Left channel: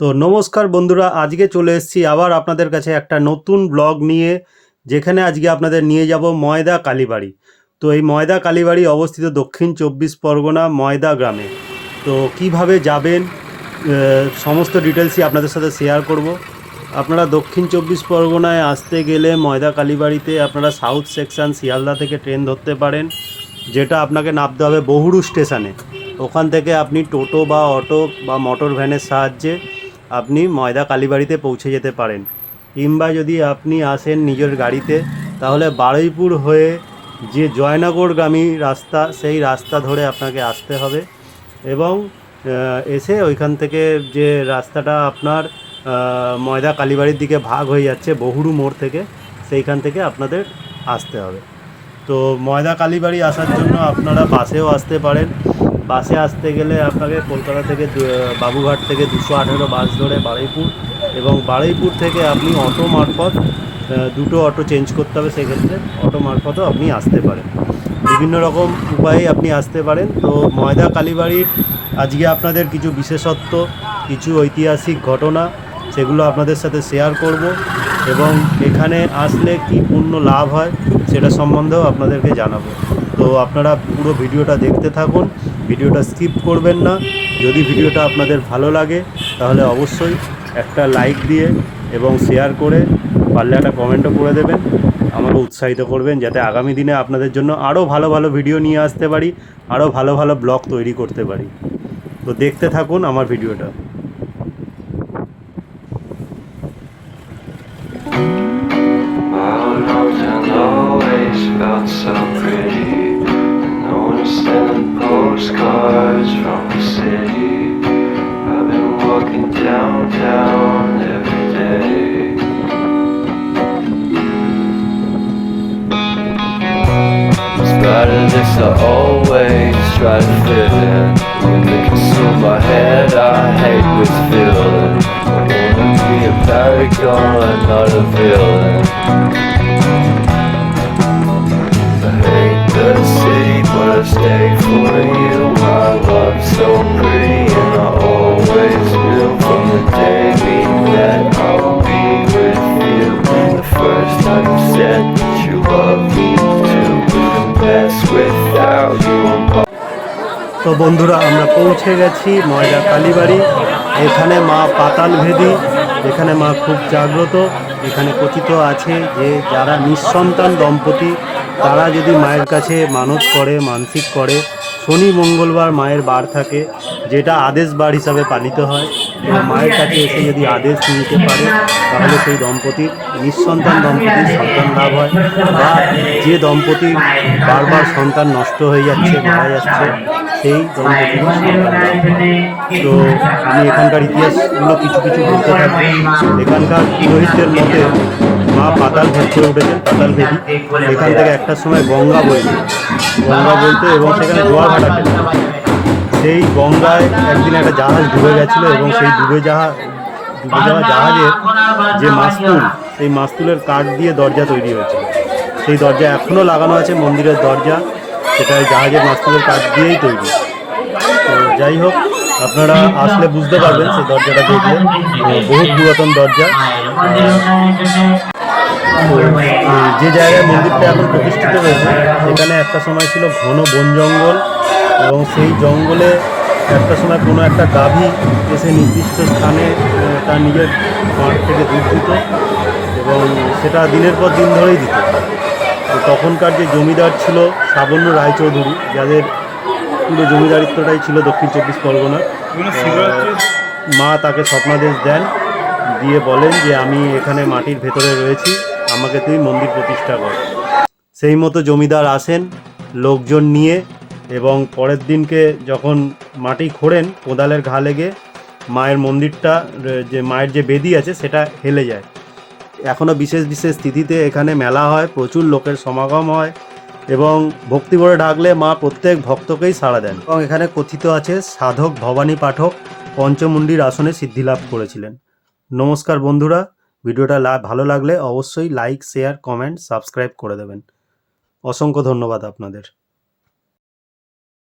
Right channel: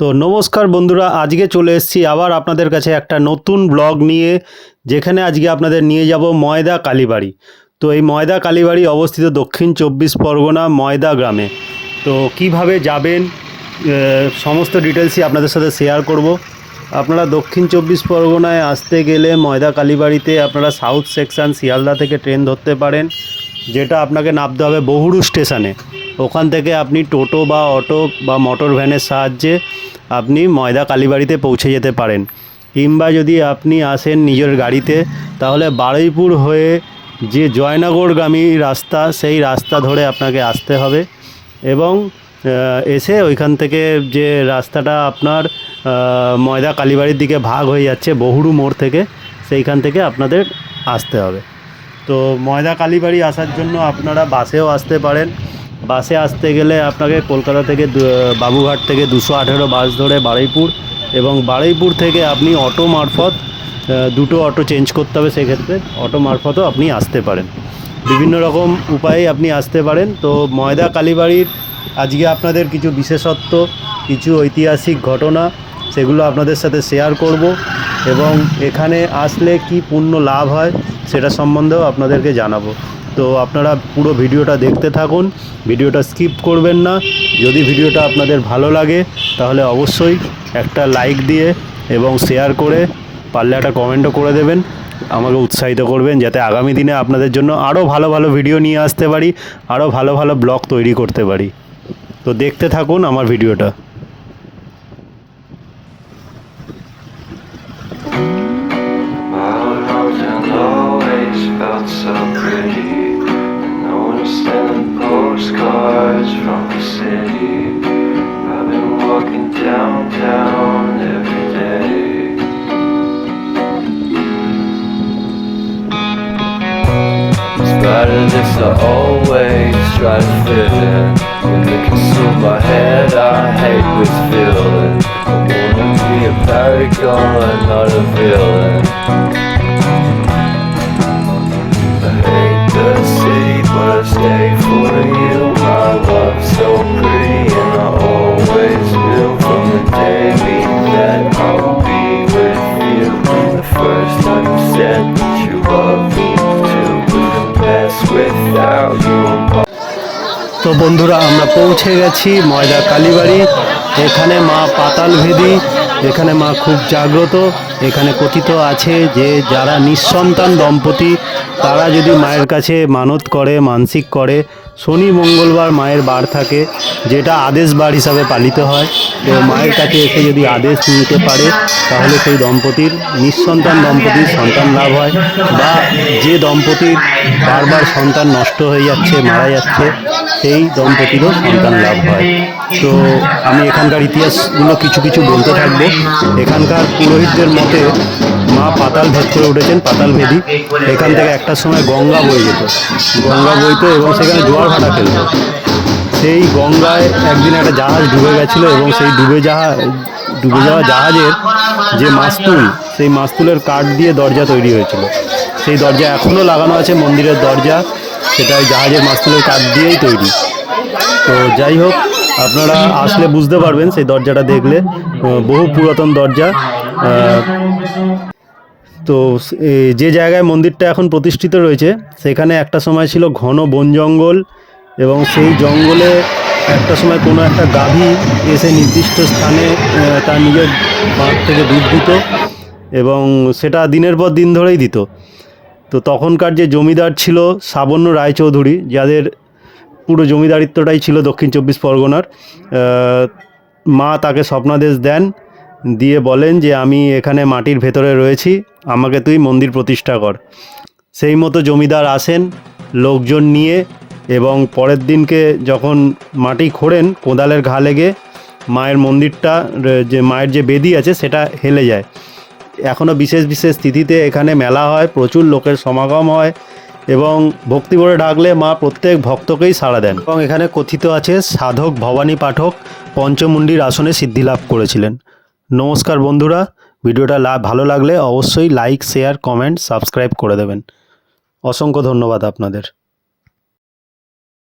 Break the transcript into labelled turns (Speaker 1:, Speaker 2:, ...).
Speaker 1: তো নমস্কার বন্ধুরা, আজকে চলে এসেছি আবার আপনাদের কাছে একটা নতুন ব্লগ নিয়ে, যেখানে আজকে আপনাদের নিয়ে যাব ময়দা কালীবাড়ি। তো এই ময়দা কালীবাড়ি অবস্থিত দক্ষিণ চব্বিশ পরগনা ময়দা গ্রামে। তো কীভাবে যাবেন সমস্ত ডিটেলসই আপনাদের সাথে শেয়ার করব। আপনারা দক্ষিণ চব্বিশ পরগনায় আসতে গেলে ময়দা কালীবাড়িতে আপনারা সাউথ সেকশন শিয়ালদা থেকে ট্রেন ধরতে পারেন, যেটা আপনাকে নামতে হবে বহুরু স্টেশনে। ওখান থেকে আপনি টোটো বা অটো বা মোটর ভ্যানের সাহায্যে আপনি ময়দা কালীবাড়িতে পৌঁছে যেতে পারেন। কিংবা যদি আপনি আসেন নিজের গাড়িতে, তাহলে বারুইপুর হয়ে যে জয়নগরগামী রাস্তা, সেই রাস্তা ধরে আপনাকে আসতে হবে। এবং এসে ওইখান থেকে যে রাস্তাটা আপনার ময়দা কালীবাড়ির দিকে ভাগ হয়ে যাচ্ছে বহুরু মোড় থেকে, সেইখান থেকে আপনাদের আসতে হবে। তো ময়দা কালীবাড়ি আসার জন্য আপনারা বাসেও আসতে পারেন। বাসে আসতে গেলে আপনাকে কলকাতা থেকে বাবুঘাট থেকে দুশো আঠেরো বাস ধরে বারুইপুর এবং বারুইপুর থেকে আপনি অটো মারফত দুটো অটো চেঞ্জ করতে হবে সেক্ষেত্রে। অটো মারফতও আপনি আসতে পারেন। বিভিন্ন রকম উপায়ে আপনি আসতে পারেন। তো ময়দা কালীবাড়ির আজকে আপনাদের কিছু বিশেষত্ব, কিছু ঐতিহাসিক ঘটনা, সেগুলো আপনাদের সাথে শেয়ার করব এবং এখানে আসলে কি পূর্ণ লাভ হয়, সেটা সম্বন্ধেও আপনাদেরকে জানাব। তো আপনারা পুরো ভিডিওটা দেখতে থাকুন, ভিডিওটা স্কিপ করবেন না। যদি ভিডিওটা আপনাদের ভালো লাগে, তাহলে অবশ্যই একটা লাইক দিয়ে এবং শেয়ার করে পারলে একটা কমেন্টও করে দেবেন। আমারও উৎসাহিত করবেন যাতে আগামী দিনে আপনাদের জন্য আরও ভালো ভালো ভিডিও নিয়ে আসতে পারি, আরও ভালো ভালো ব্লগ তৈরি করতে পারি। তো দেখতে থাকুন আমার ভিডিওটা।
Speaker 2: Wild postcards from the city. I've been walking downtown every day. Despite of this, I always try to fit in. When they consume my head, I hate this feeling. I wanna be a paragon, not a villain. I stay for you. My love so pretty, and I always knew from the day we met I will be with you. The first time you said that you love me too, couldn't pass without you.
Speaker 1: তো বন্ধুরা, আমরা পৌঁছে গেছি ময়দা কালীবাড়ি। এখানে মা পাতালভেদি এখানে মা খুব জাগ্রত। এখানে কথিত আছে যে, যারা নিঃসন্তান দম্পতি, তারা যদি মায়ের কাছে মানত করে, মানসিক করে শনি, মঙ্গলবার মায়ের বার থাকে, যেটা আদেশ বার হিসাবে পালিত হয়। তো মায়ের কাছে এসে যদি আদেশ নিতে পারে, তাহলে সেই দম্পতির, নিঃসন্তান দম্পতির সন্তান লাভ হয়। বা যে দম্পতির বারবার সন্তান নষ্ট হয়ে যাচ্ছে, মারা যাচ্ছে, সেই দম্পতিরও সন্তান লাভ হয়। তো আমি এখানকার ইতিহাসগুলো কিছু কিছু বলতে থাকব। এখানকার পুরোহিতদের মতে পাতাল ভেদ করে উঠেছেন, পাতাল ভেদি এখান থেকে একটা সময় গঙ্গা বই যেত। গঙ্গা বইতো এবং সেখানে জোয়ার ভাটা সেই গঙ্গায় একদিন একটা জাহাজ ডুবে গেছিল এবং সেই ডুবে যাওয়া ডুবে যাওয়া জাহাজের যে মাস্তুল, সেই মাস্তুলের কাঠ দিয়ে দরজা তৈরি হয়েছিল। সেই দরজা এখনও লাগানো আছে, মন্দিরের দরজা। সেটা ওই জাহাজের মাস্তুলের কাঠ দিয়েই তৈরি। তো যাই হোক, আপনারা আসলে বুঝতে পারবেন সেই দরজাটা দেখলে। বহু পুরাতন দরজা। তো যে জায়গায় মন্দিরটা এখন প্রতিষ্ঠিত হয়েছে, সেখানে একটা সময় ছিল ঘন বন জঙ্গল এবং সেই জঙ্গলে একটা সময় কোনো একটা গাভী এসে নির্দিষ্ট স্থানে তার নিজের থেকে দুধ দিত এবং সেটা দিনের পর দিন ধরেই দিত। তো তখনকার যে জমিদার ছিল সাবন্য রায়চৌধুরী, যাদের পুরো জমিদারিত্বটাই ছিল দক্ষিণ চব্বিশ পরগনার মা তাকে স্বপ্নাদেশ দেন। দিয়ে বলেন যে আমি এখানে মাটির ভেতরে রয়েছি, আমাকে তুই মন্দির প্রতিষ্ঠা কর। সেই মতো জমিদার আসেন, লোকজন নিয়ে এবং পরের দিনকে যখন মাটি খোঁড়েন কোদালের ঘা লেগে, মায়ের মন্দিরটা যে মায়ের যে বেদি আছে সেটা হেলে যায়। এখনও বিশেষ বিশেষ তিথিতে এখানে মেলা হয়, প্রচুর লোকের সমাগম হয় এবং ভক্তি করে ডাকলে মা প্রত্যেক ভক্তকেই সাড়া দেন। এবং এখানে কথিত আছে, সাধক ভবানী পাঠক পঞ্চমুণ্ডির আসনে সিদ্ধিলাভ করেছিলেন। নমস্কার বন্ধুরা, ভিডিওটা লা ভালো লাগলে অবশ্যই লাইক শেয়ার কমেন্ট সাবস্ক্রাইব করে দেবেন। অসংখ্য ধন্যবাদ আপনাদের।